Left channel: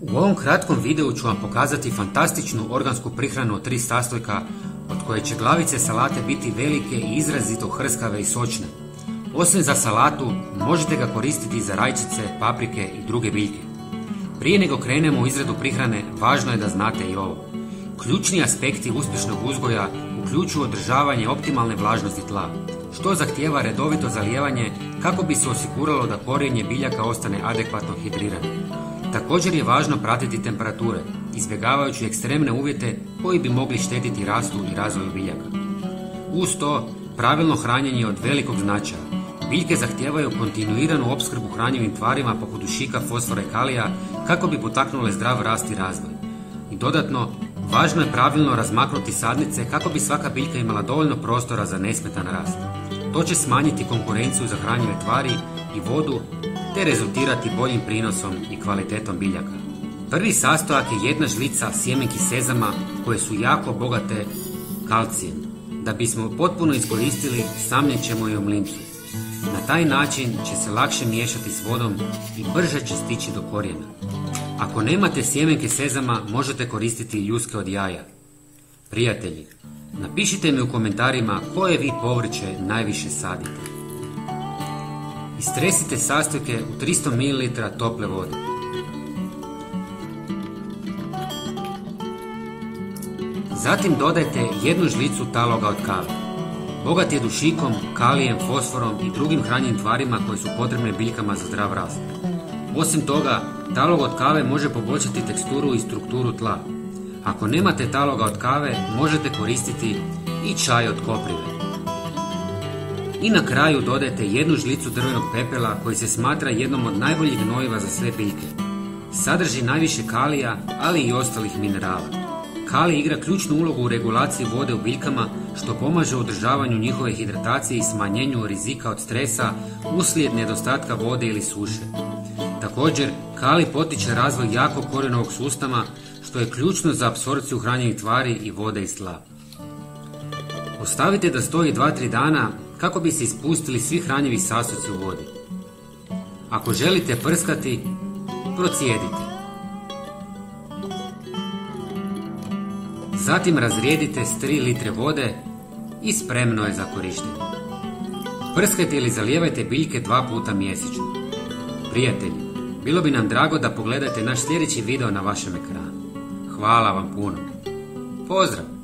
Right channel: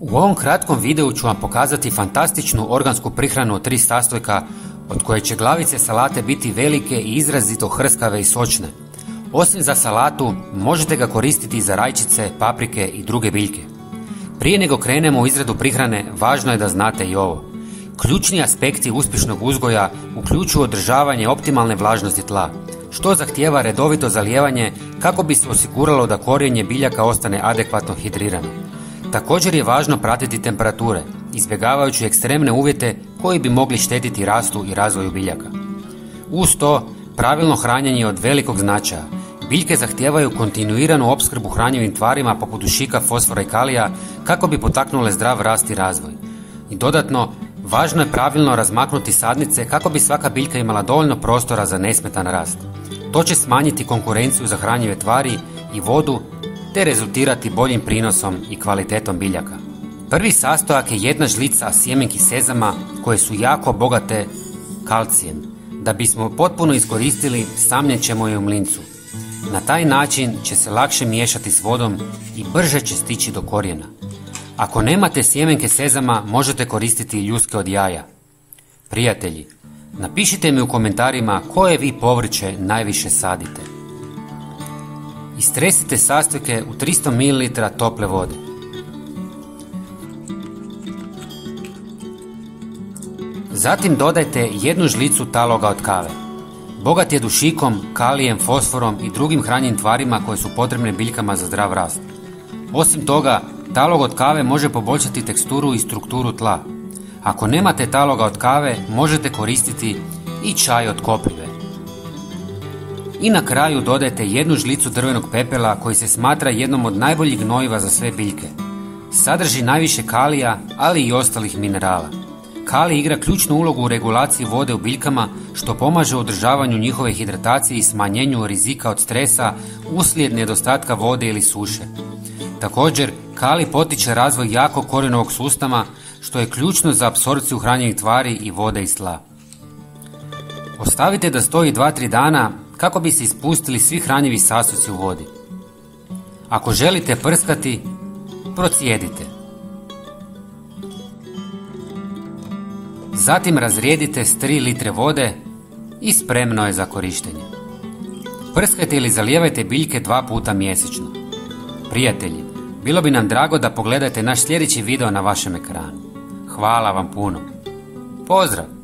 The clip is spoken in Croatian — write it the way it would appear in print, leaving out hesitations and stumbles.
U ovom kratkom videu ću vam pokazati fantastičnu organsku prihranu od 3 sastojka od koje će glavice salate biti velike i izrazito hrskave i sočne. Osim za salatu, možete ga koristiti za rajčice, paprike i druge biljke. Prije nego krenemo u izradu prihrane, važno je da znate i ovo. Ključni aspekti uspješnog uzgoja uključuju održavanje optimalne vlažnosti tla, što zahtijeva redovito zalijevanje kako bi se osiguralo da korijenje biljaka ostane adekvatno hidrirano. Također je važno pratiti temperature, izbjegavajući ekstremne uvjete koji bi mogli štetiti rastu i razvoju biljaka. Uz to, pravilno hranjenje je od velikog značaja. Biljke zahtijevaju kontinuiranu opskrbu hranjivim tvarima poput dušika, fosfora i kalija kako bi potaknule zdrav rast i razvoj. I dodatno, važno je pravilno razmaknuti sadnice kako bi svaka biljka imala dovoljno prostora za nesmetan rast. To će smanjiti konkurenciju za hranjive tvari i vodu te rezultirati boljim prinosom i kvalitetom biljaka. Prvi sastojak je jedna žlica sjemenki sezama koje su jako bogate kalcijem. Da bismo potpuno iskoristili, samljet ćemo je u mlincu. Na taj način će se lakše miješati s vodom i brže će stići do korijena. Ako nemate sjemenke sezama, možete koristiti ljuske od jaja. Prijatelji, napišite mi u komentarima koje vi povrće najviše sadite. Istresite sastojke u 300 ml tople vode. Zatim dodajte jednu žlicu taloga od kave. Bogat je dušikom, kalijem, fosforom i drugim hranjivim tvarima koje su potrebne biljkama za zdrav rast. Osim toga, talog od kave može poboljšati teksturu i strukturu tla. Ako nemate taloga od kave, možete koristiti i čaj od koprive. I na kraju dodajte jednu žlicu drvenog pepela koji se smatra jednom od najboljih gnojiva za sve biljke. Sadrži najviše kalija, ali i ostalih minerala. Kalij igra ključnu ulogu u regulaciji vode u biljkama, što pomaže u održavanju njihove hidratacije i smanjenju rizika od stresa uslijed nedostatka vode ili suše. Također, kalij potiče razvoj jakog korijenovog sustava, što je ključno za apsorpciju hranjivih tvari i vode iz tla. Ostavite da stoji 2-3 dana kako bi se ispustili svi hranjivi sastojci u vodi. Ako želite prskati, procijedite. Zatim razrijedite s 3 litre vode i spremno je za korištenje. Prskajte ili zalijevajte biljke 2 puta mjesečno. Prijatelji, bilo bi nam drago da pogledate naš sljedeći video na vašem ekranu. Hvala vam puno. Pozdrav!